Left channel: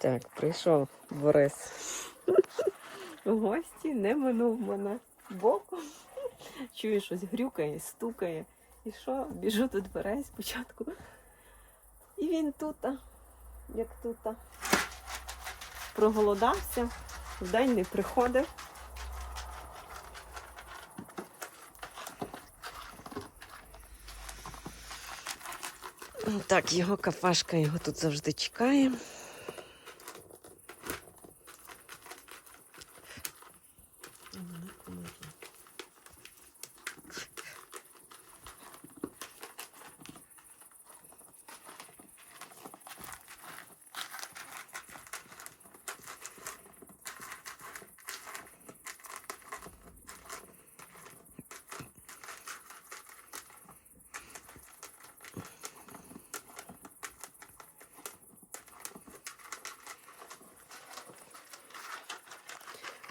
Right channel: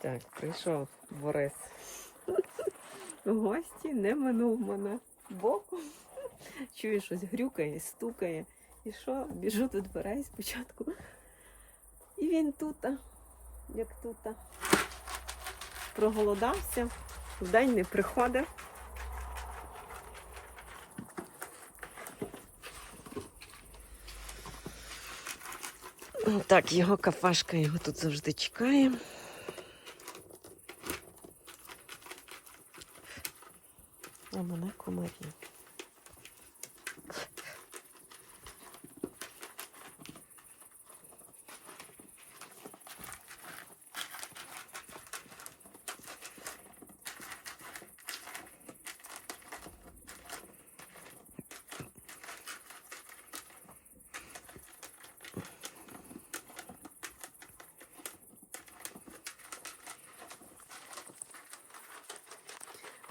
Так, прийшов Борис. У гості не минув мене боком. Чую, щось грюкає, стукає. І що? Біжу до дверей спочатку. І він тут, як тут. Проголодався, вдень не приходив. Так, його кафешка його тут завжди чекає. А мене комарі.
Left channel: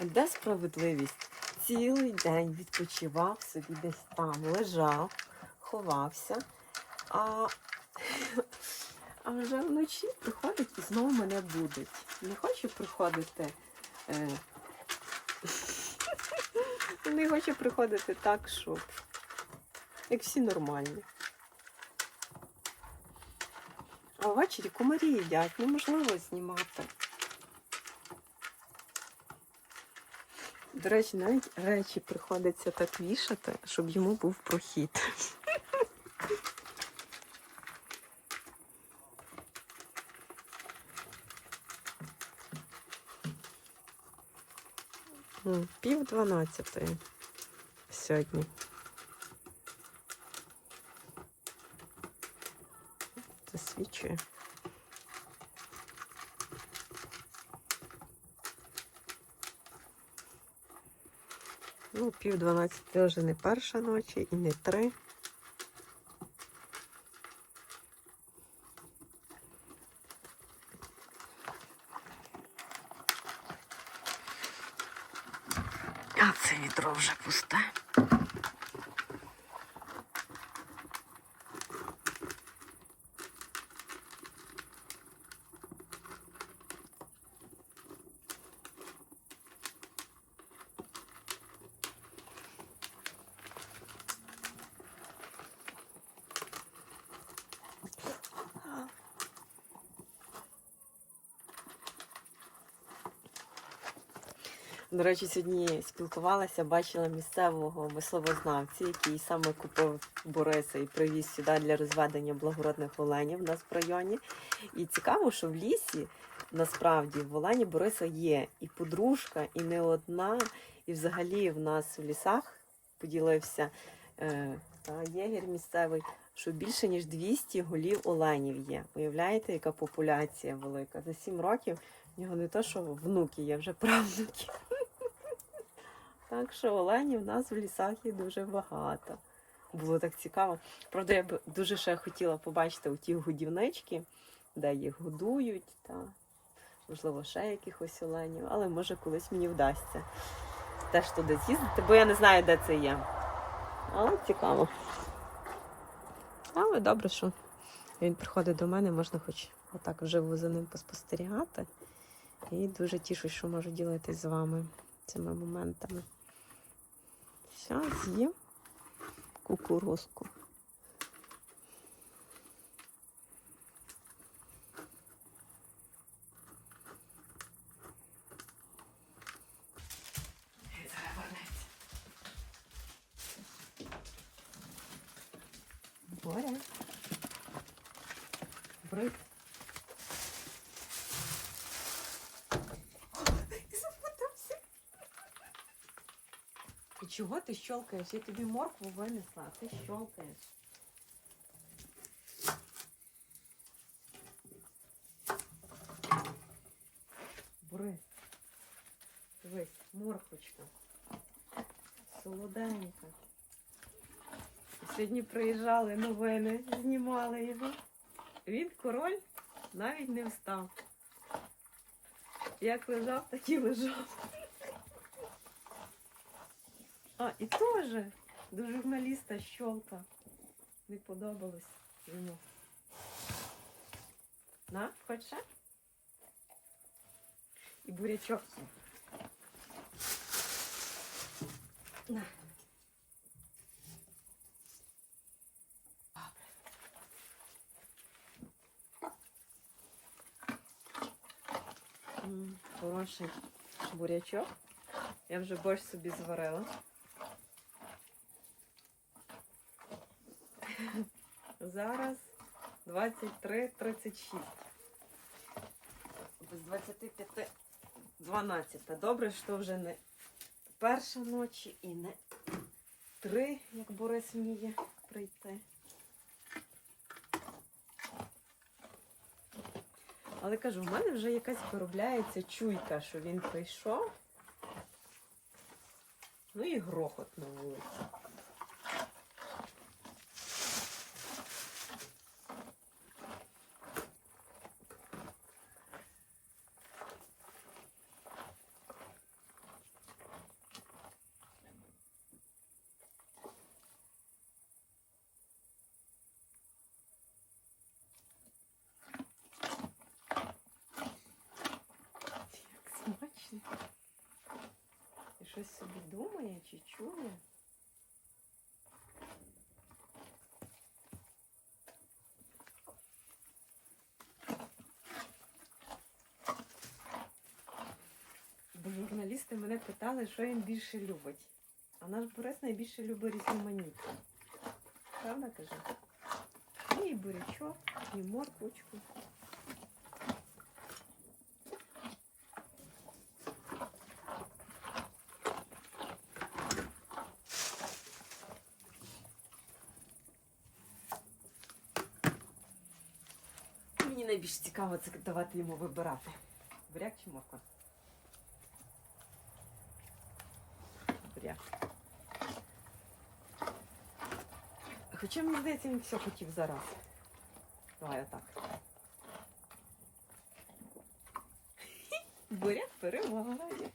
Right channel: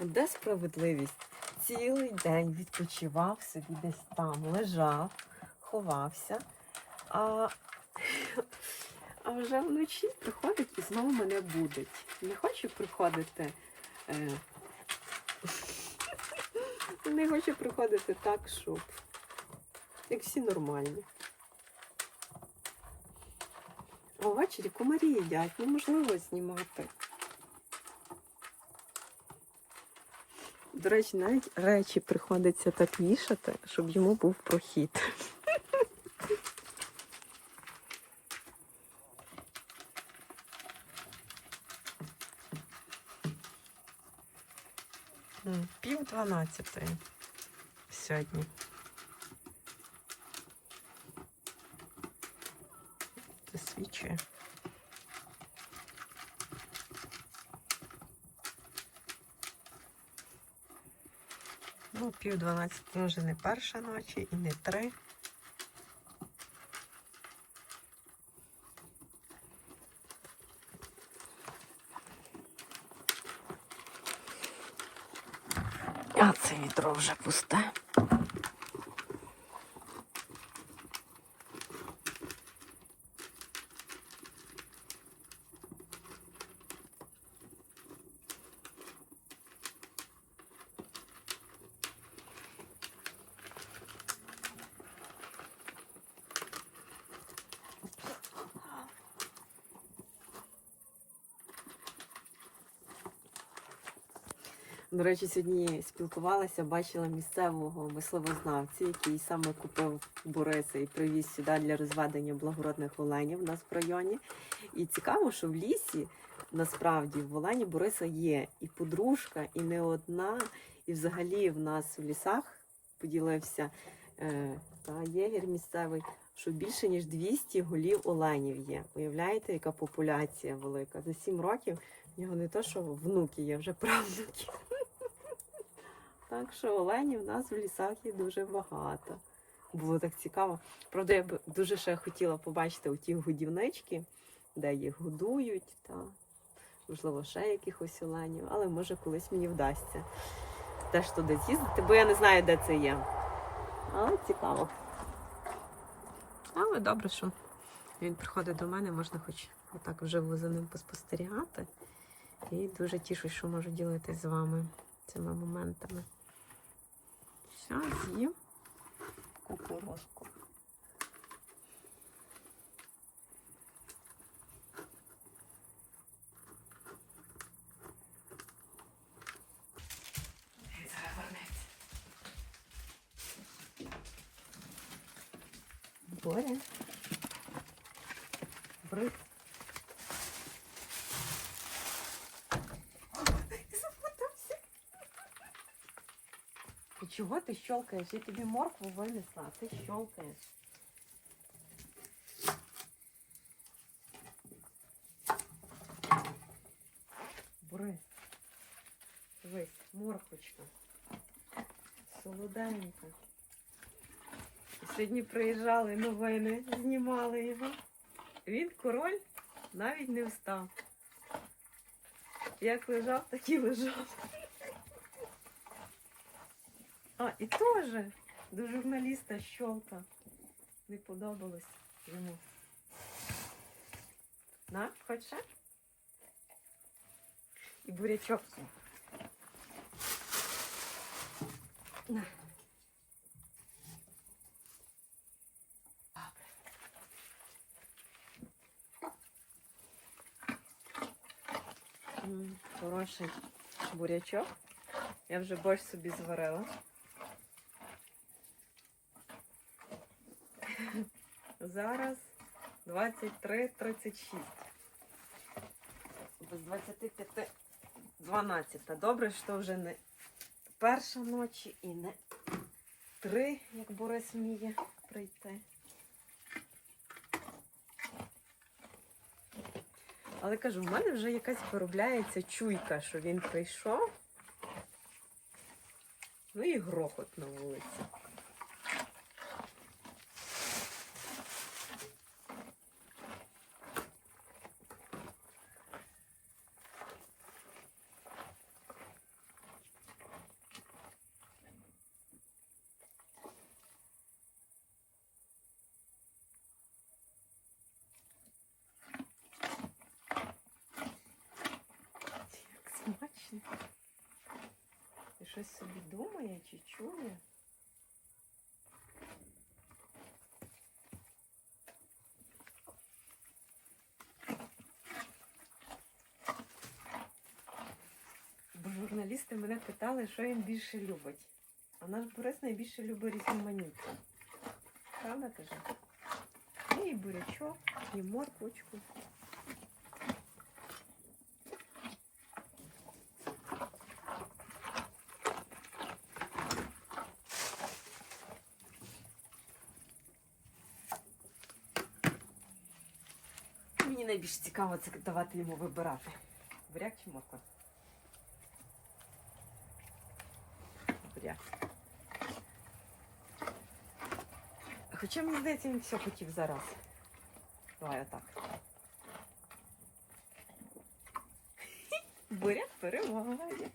Де справедливість? Цілий день відпочивав собі десь там, лежав, ховався, а, а вже вночі приходить і знову мене будить. Не хоче приходити. Е, не хоче приходити так, щоб як всі нормальні. А ввечері комарі їдять, неможливо знімати. До речі, навіть речі приходиться так вішати, щоб йому був прохід. Пів дванадцятої сьогодні. Засвічує. Ну, пів дванадцяти вже не перша ночі і не три. А це вітро вже пусте. До речі, сьогодні спілкувалася, бачила місцевого мисливознавця, який саме купив Бориса і привіз сюди для розведення благородних оленів у нас в районі. І цікаво, що в лісі насправді в Олені Бориса є і подружка, і не одна. І взагалі в нас в лісах поділився е, та, єгір місцевий, що більше ніж 200 голів оленів є. Уявляєте, яка популяція велика? За 7 років в нього не то, що внуки є, вже правнуки. Так що оленів в нас в лісах є дуже багато. Було так цікаво. Правда, я б дуже ще хотіла побачити у ті годівнички, де їх годують, та можливо, ще якихось оленів, але може колись мені вдасться теж туди з'їздити, бо я не знаю, де це є. Але цікаво. Але добре, що він приходить до мене, можна хоч отак вживу за ним поспостерігати. І дуже тішусь, що можу ділитись з вами цими моментами. Все, з'їв кукурузку. Боря. Брик. Ти чого ти щелкаєш? Я тобі моркву винесла, а ти щелкаєш. Бри. Дивись, морквочка. Солоденька. Сьогодні приїжджали новини, знімали його. Він король навіть не встав. Як лежав, так і лежав. А, і теж до журналіста щолка. Не подобалось йому. На, хочеш? ще? і бурячок. На. Хороший бурячок. Я вже борщ собі зварила. Зараз 23.36. Без 25 12. Добре, що вже не перша ночі і не три, як Борис вміє прийти. Але кажу, в мене вже якась виробляється чуйка, що він прийшов. Ну і грохот на вулиці. Як смачно. І щось собі думає чи чує. Бо журналісти мене питали, що він більше любить. А наш Борис найбільше любить різноманіття. Правда каже? Ну і бурячок, і морквочку. Мені найбільш цікаво це давати йому вибирати. Буряк чи морква? Буряк. Хоча мені здається, він все хотів зараз. Давай отак. Буряк перемагає.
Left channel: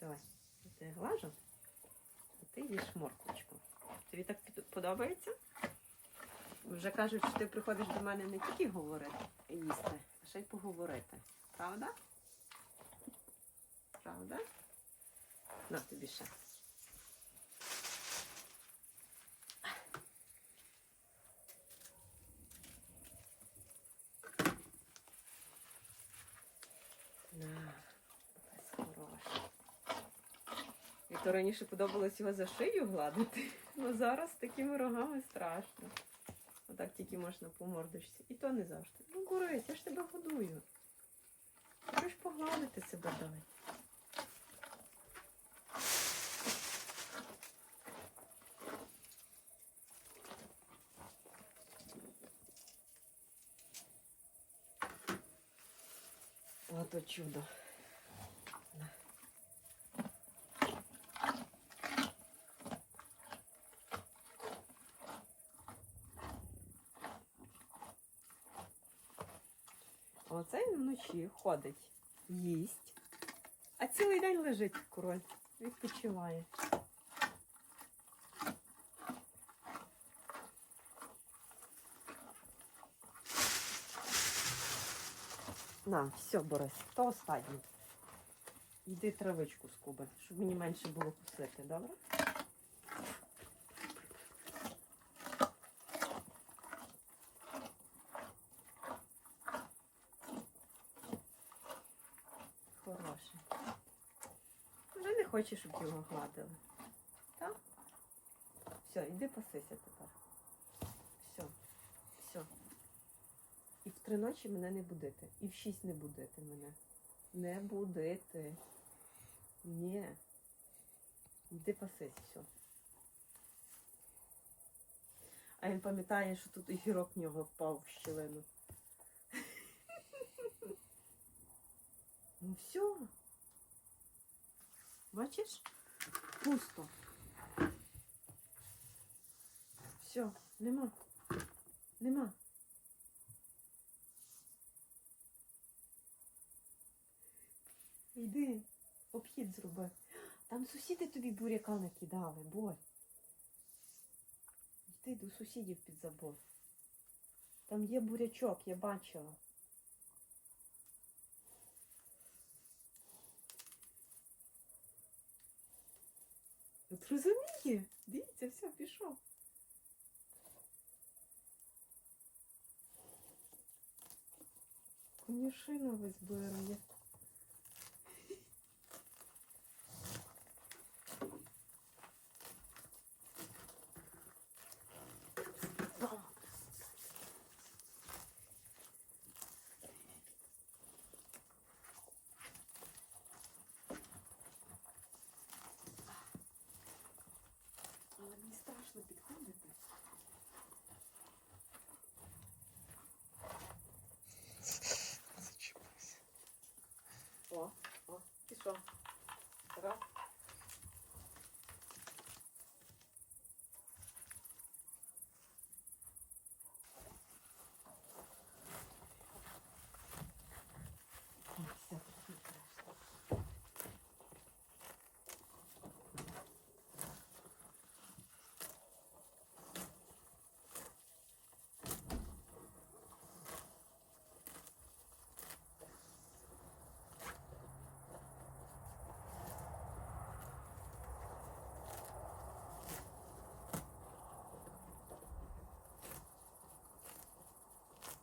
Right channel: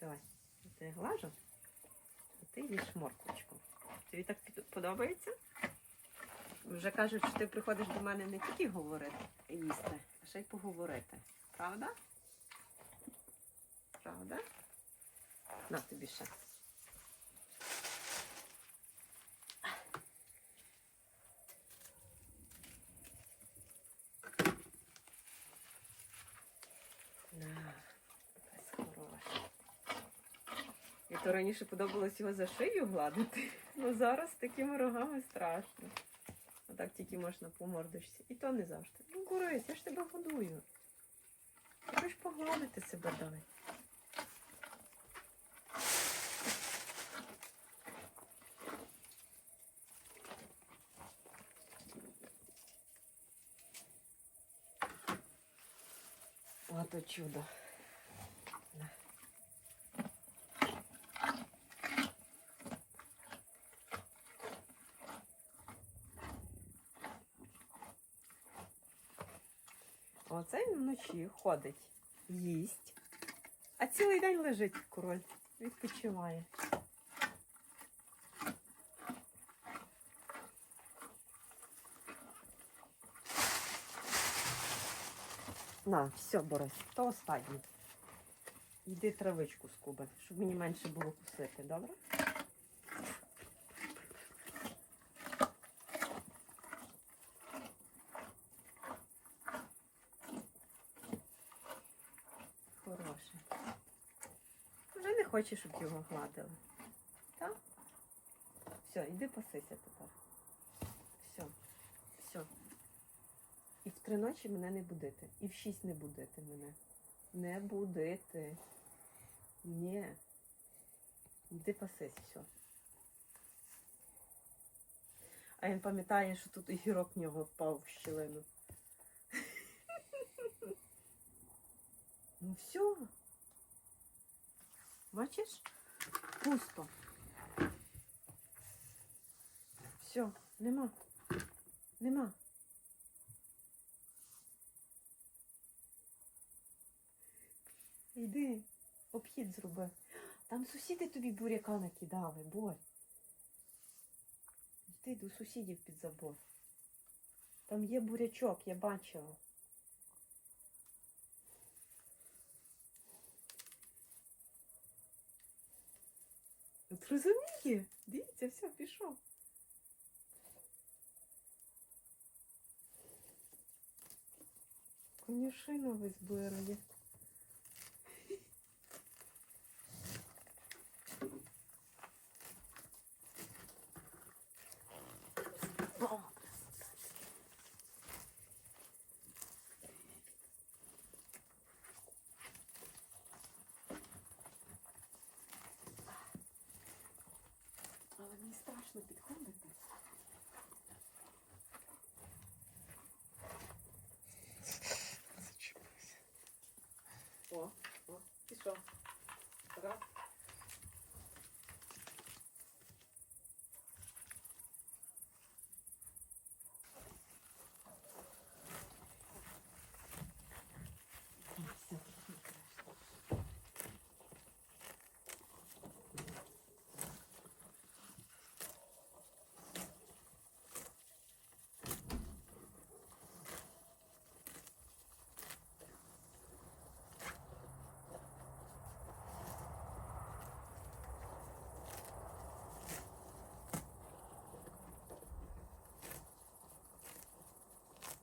Давай, я тебе глажу. А ти їш морквочку. Тобі так подобається? Вже кажуть, що ти приходиш до мене не тільки говорити їсти, а ще й поговорити. Правда? Правда? На тобі ще. На, ось хороший. І то раніше подобалось його за шию гладити, але зараз такими рогами страшно. Отак тільки можна по мордочці. І то не завжди. Ну, Борис, я ж тебе годую. Ти ж погладити себе дай. Ото чудо. Він вночі ходить, їсть, а цілий день лежить король, відпочиває. На, все, Борис, то останнє. Йди травичку скуби, щоб мені менше було кусити, добре? Хороший. Вже не хоче, щоб його гладили. Так? Все, йди пасися тепер. Все, все. І в три ночі мене не будити. І в шість не будити мене. Не будити. Ні. Йди пасись, все. А він пам'ятає, що тут огірок в нього впав в щілину. Ну все. Бачиш? Пусто. Все, нема. Нема. Йди, обхід зроби. Там сусіди тобі буряка накидали, бой. Йди. До сусідів під забор. Там є бурячок, я бачила. От розуміє? Дивіться, все, пішов. Конюшина весь береги. Але мені страшно підходити.